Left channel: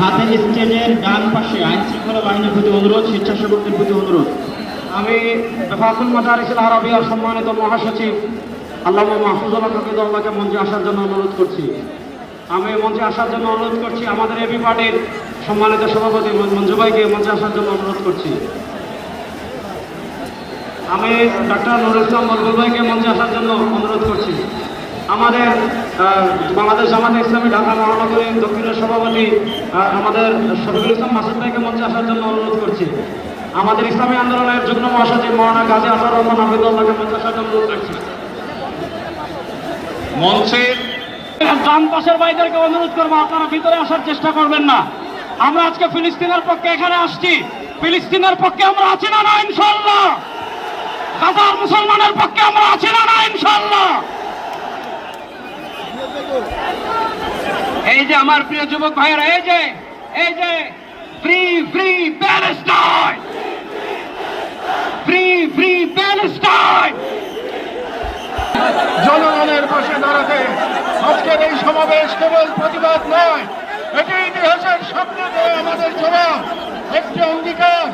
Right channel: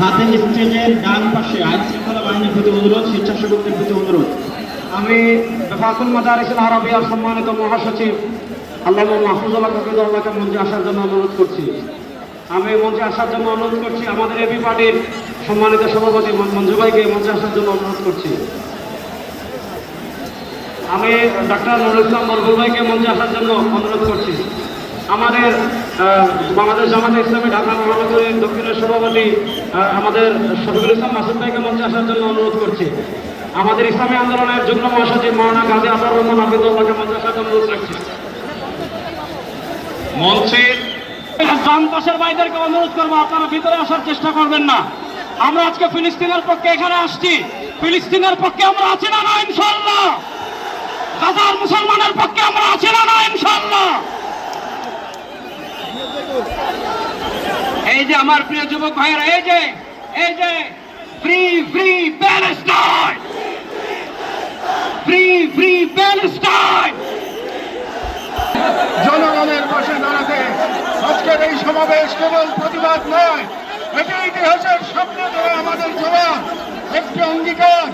হাতের স্টেজের ডান পাশে আইন শৃঙ্খলা বাহিনীর প্রতি অনুরোধ, স্বেচ্ছাসেবকদের প্রতি অনুরোধ। আমি ফাকুল মাদারিসুল আরাবিয়া সম্মানিত মহাসচিব আল্লামা মাহফুজুল্লাহ হাফিজাহুল্লাহকে মঞ্চে আসার জন্য অনুরোধ করছি। আমি মঞ্চে আসার জন্য অনুরোধ করছি। আমাদের এবি পার্টির সম্মানিত সভাপতি মঞ্জু ভাইকে মঞ্চে আসার জন্য অনুরোধ করছি। আমি ডক্টর নুরুল ইসলাম মরহুম ভাইকে মঞ্চে আসার জন্য অনুরোধ করছি। আমাদের বাংলাদেশ জামাতে ইসলামী ঢাকা মহানগরীর দক্ষিণের সভাপতি আমাদের শফিকুল ইসলাম মাসুদ ভাইকে মঞ্চে আসার জন্য অনুরোধ করছি। আমাদের ইসলামী আন্দোলনের যুগ্ম মহাসচিব মৌলানা গাজী আসার রহমান হাফিজুল্লাহকে মঞ্চে আসার জন্য অনুরোধ করছি। মঞ্চের বাম পাশের ভাইদেরকে অনুরোধ করবো, আপনারা ভিতরে আসার চেষ্টা করবেন না। আমরা আজকে ফিলিস্তিনের পক্ষে এখানে আসছি। ফিলিস্তিনের পক্ষে আমরা আছি না না ইনশাআল্লাহ? গাজার মুসলমানের পক্ষে আমরা আছি না না ইনশাআল্লাহ? এই যে আমার প্রিয় যুবক ভাইয়েরা, এই যে free free Palestine, free free Palestine. জনগণের পাশে দাঁড়াতে আজকের এই সমাবেশ কেবল প্রতিবাদ নয়, এটি ইতিহাসের স্বপ্ন ধরে আমাদের জোড়া একটি অঙ্গীকার।